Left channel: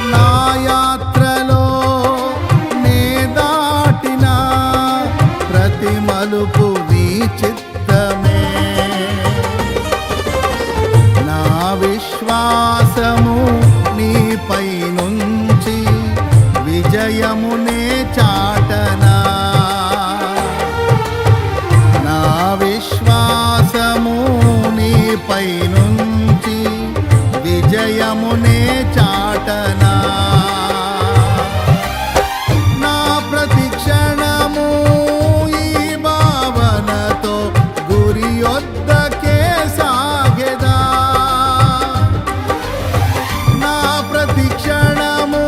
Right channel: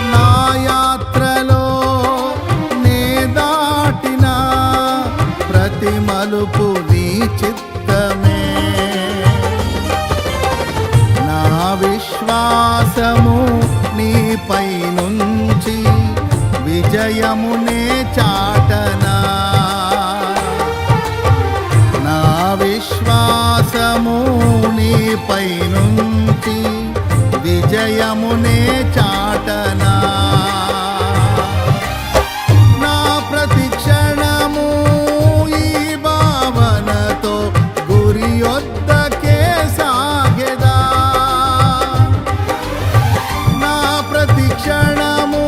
నా యాత్రలో నే దాటిన ప్రతి మలుపు నీ చిత్తమే. నా విశ్వాసము నీపై నుంచి విజయమునే చాటనా. నా విశ్వాసము నీపై నుంచి విజయమునే చాటనా. నా ప్రతి క్షణము ఈ భావనతో గురి యొద్దకే సాగెదా. నా ప్రతి క్షణము